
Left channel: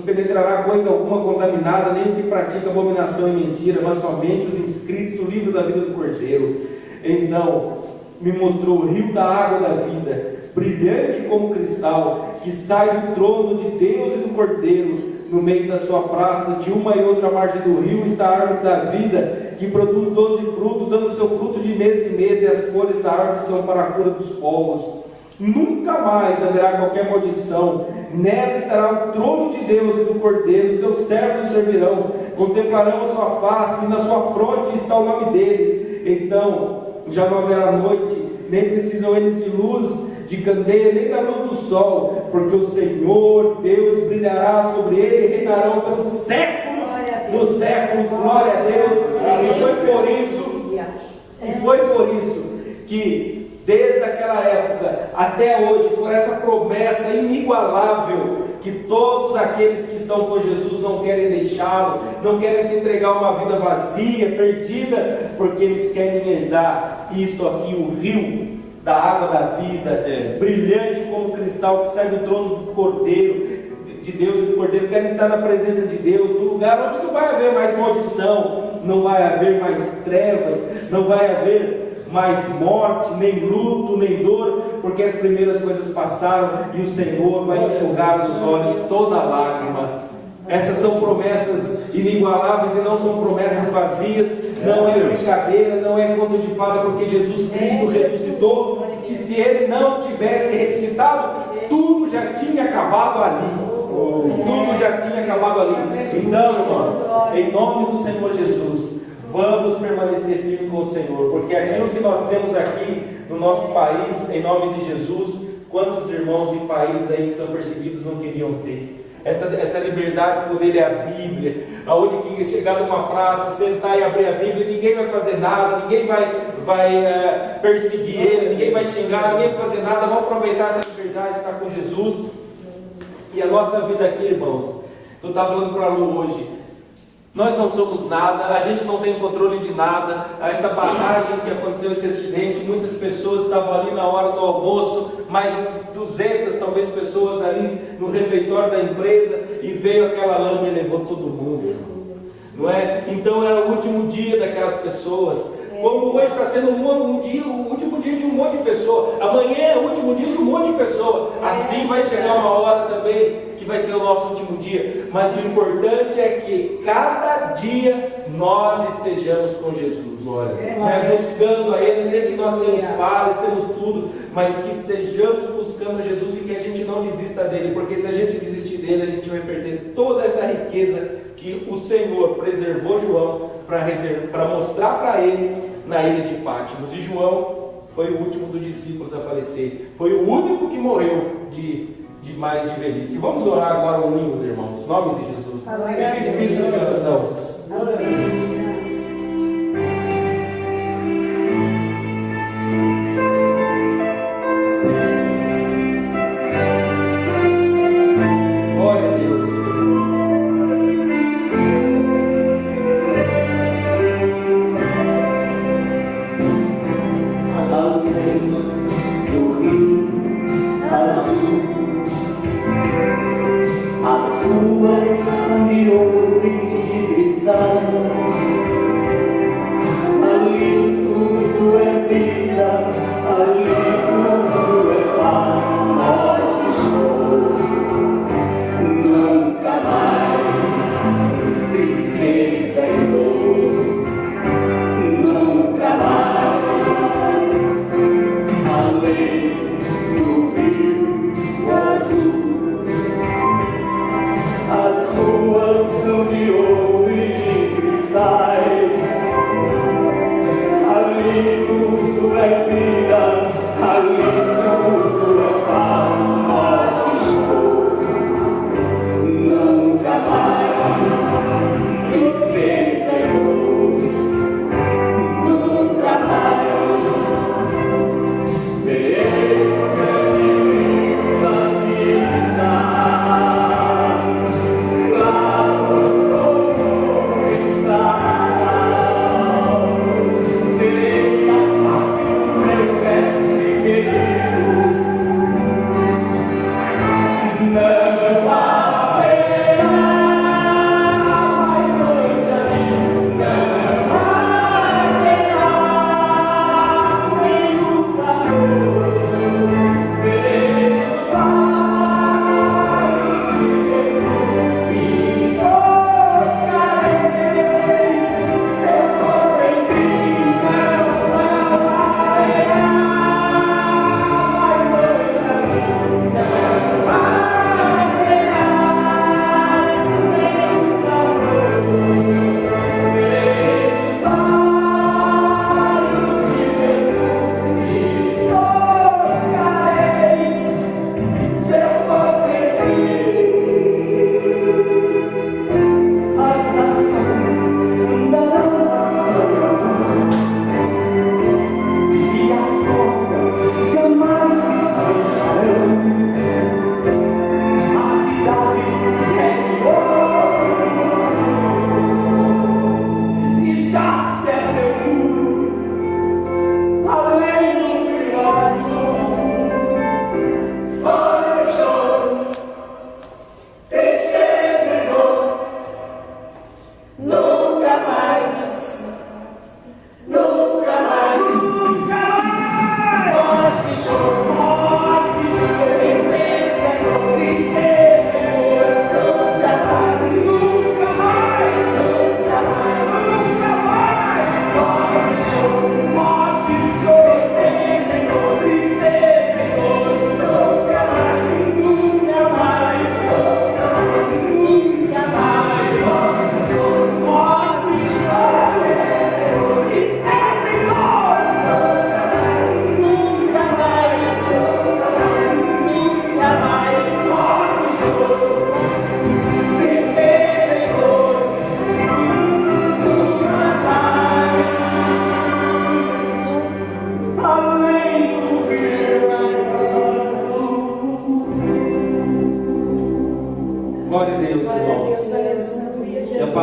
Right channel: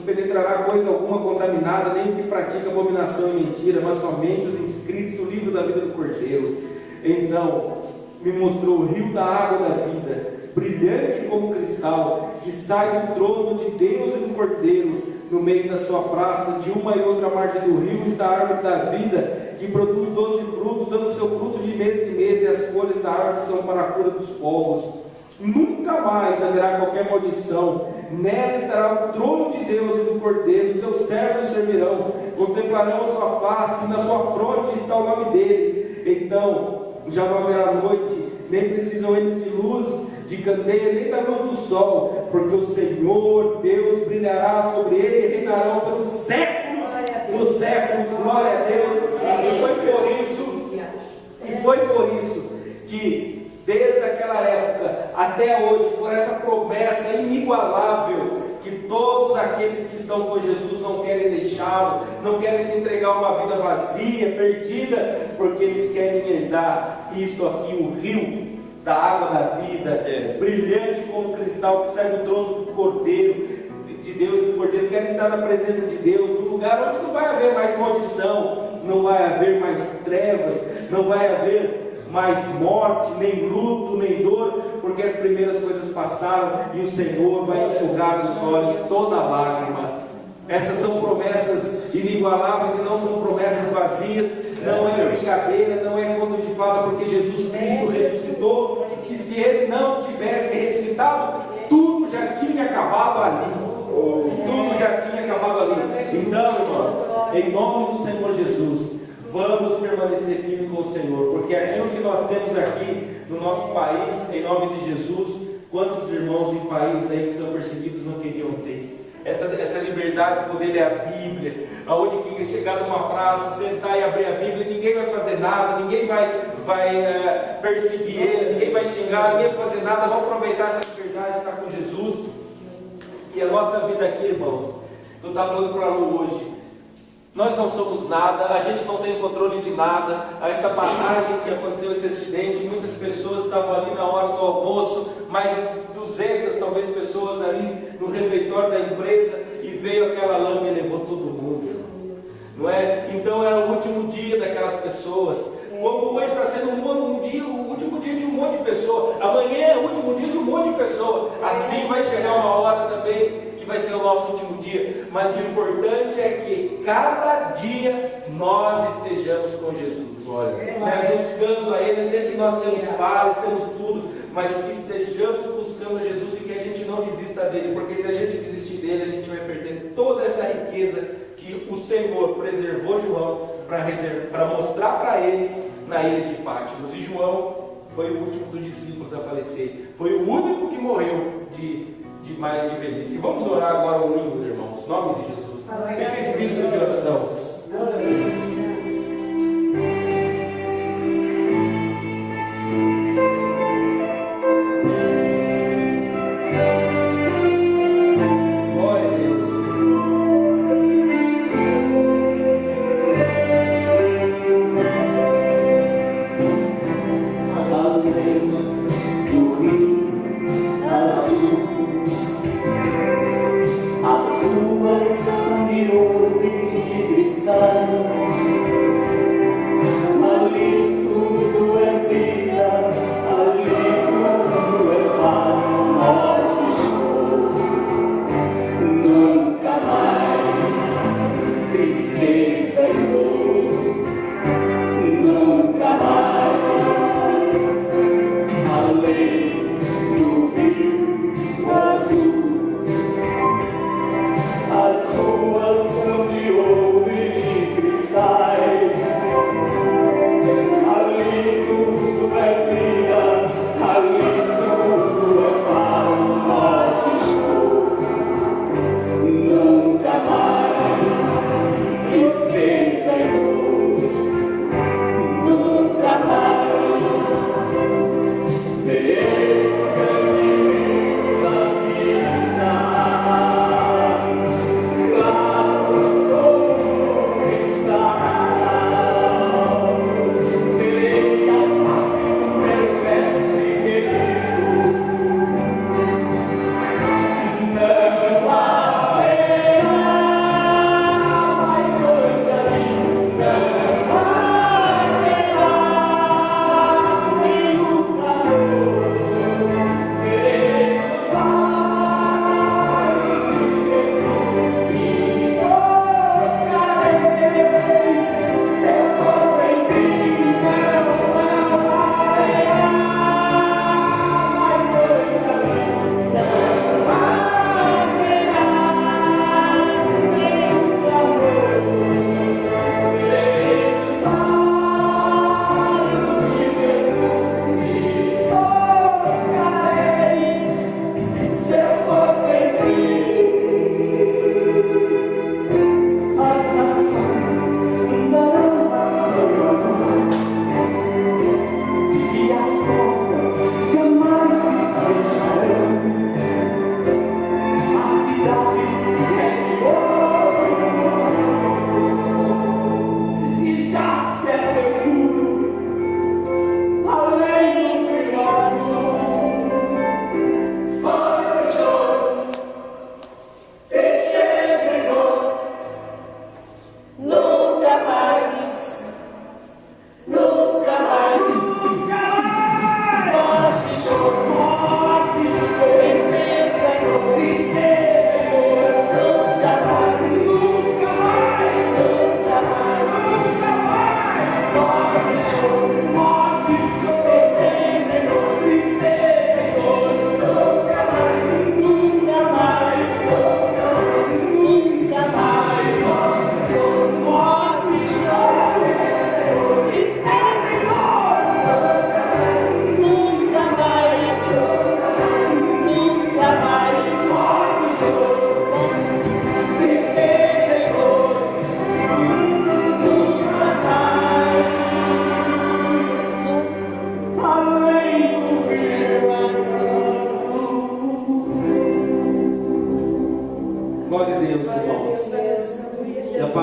penetrará coisa alguma contaminada, nem o que pratica abominação e mentira, mas somente os inscritos no livro da vida do Cordeiro. Então me mostrou o rio da água da vida, brilhante como cristal, que sai do trono de Deus e do Cordeiro. No meio da sua praça, de uma e outra margem do rio, está a árvore da vida, que produz 12 frutos, dando seu fruto de mês em mês, e as folhas da árvore são para a cura dos povos. Nunca mais haverá qualquer maldição. Nela estará o trono de Deus e do Cordeiro, seus servos servirão, contemplarão a sua face, e na sua fronte está o nome dele. Então já não haverá noite, nem precisam eles de luz, de candeia, nem da luz do sol, porque o Senhor Deus brilhará sobre ele e reinarão pelos séculos dos séculos. Glória a Deus. E foi por isso que desde aquela época até hoje, por essa promessa inigualável, que todos aqueles que estão com Jesus não querem deixá-lo, não querem se entregar a uma vida vazia, perdida, porque eles querem herdar isto aqui, o rio da água da vida, brilhante como cristal, que sai do trono do Cordeiro, de Deus e do Cordeiro. Querem estar na presença de Deus, no lugar onde não vai haver mais maldição, não vai haver mais trevas, não vai haver mais morte, nem luto, nem dor, porque as primeiras coisas passaram e o Senhor vai enxugar dos olhos toda lágrima. Essas são promessas inigualáveis e não são promessas vazias, não é brincadeira, não é conto de fala, porque Jesus Cristo ressuscitou, e se Ele não tivesse ressuscitado, tudo já tinha acabado ali. Tudo já tinha acabado ali. Então, irmãos, em nome do Senhor Jesus, vamos permanecer firmes com o Senhor, porque aquilo que nós temos aqui no nosso país, em nome de Jesus, quantos irmãos em países aí que são perseguidos não queriam ter? Essa liberdade de poder ler a Bíblia, aonde que chegar numa praça, sentar e abrir a Bíblia, ninguém vai fazer nada, ninguém vai perseguir ele, ninguém vai xingar, ninguém vai fazer nada. Vamos aproveitar essa liberdade de estar com Jesus. que a nossa vida aqui, irmãos, eu estava falando para a Lu hoje, nós não somos nada, a gente não tem controle de nada. Essa passagem que aconteceu, esse acidente, muitas pessoas estavam ali na hora do almoço, mais de 200 talvez pessoas ali no refeitório da empresa, e veio aquela lama e levou todo mundo, não é? Então era o último dia daquelas pessoas. Como hoje está sendo o último dia de um monte de pessoa, amanhã é o último dia de um monte de pessoa, assim vai chegar uma hora também que vai ser o nosso último dia. Mas o importante é que cada dia nós estejamos com Jesus, buscando a Ele. Eu sei que nós temos falhas, temos tudo, mas que estejamos buscando a Jesus e que a gente não desista dele, porque se a gente desistir dele, a gente vai perder toda essa riqueza que o Senhor preservou João para mostrar para ele na ilha de Patmos. E João foi o último dos discípulos a falecer, foi o único que morreu de mais de velhice. Vamos orar agora unidos, irmãos, em nome de Jesus. Fique espírito de oração. As ruas são de ouro e de cristal.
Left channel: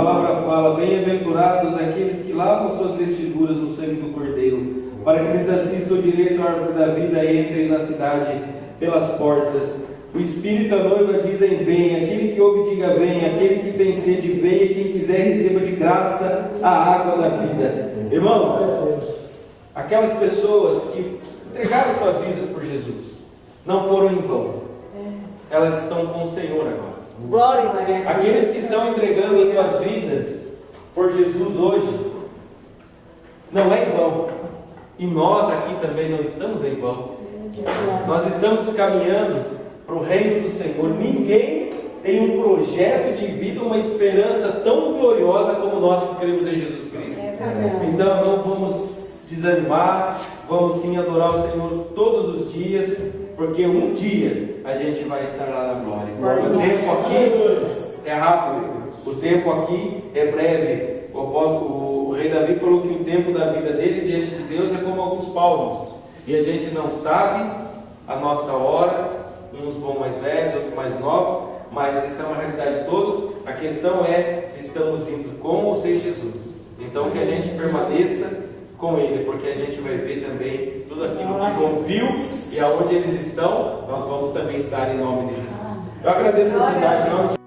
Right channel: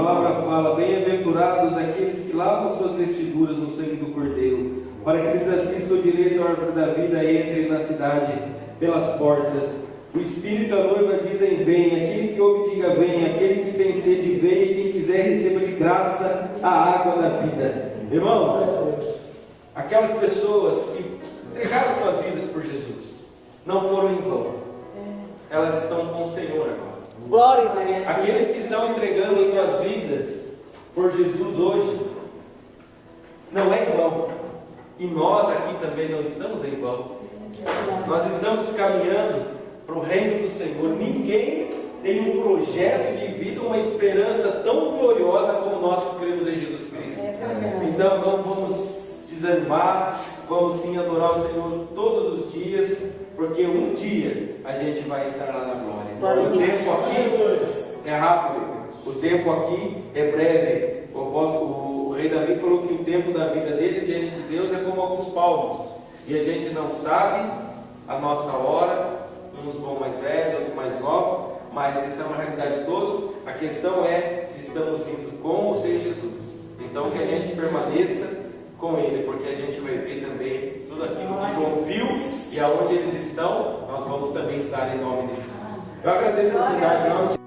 palavra fala: bem-aventurados aqueles que lavam suas vestiduras no sangue do Cordeiro, para que eles assistam direito à árvore da vida e entrem na cidade pelas portas. O Espírito e a noiva dizem: vem. Aquele que ouve, diga: vem. Aquele que tem sede, vem. E quem quiser, receba de graça a água da vida. Irmãos, aquelas pessoas que entregaram suas vidas por Jesus não foram em vão. Elas estão com o Senhor agora. Glória a Deus. Aqueles que estão entregando as suas vidas por Jesus hoje, não é em vão. E nós aqui também não estamos em vão. Nós estamos caminhando para o reino do Senhor. Ninguém tem um projeto de vida, uma esperança tão gloriosa como nós que cremos em Jesus Cristo. Então não vamos desanimar, vamos sim adorar o Senhor todos os dias, porque um dia a gente vai estar lá na glória. O tempo aqui é rápido, o tempo aqui é breve. O rei Davi falou que o tempo da vida dele diante de Deus é como alguns palmos, e a gente não sabe a nossa hora. Uns vão mais velhos, outros mais novos, mas essa é uma realidade de todos. A questão é se estamos indo com ou sem Jesus. Então que a gente permaneça com Ele, porque a gente vai ver também tudo aquilo que João viu, e aonde eles estão, nós vamos também estar em nome de Jesus. Eu agradeço a oportunidade.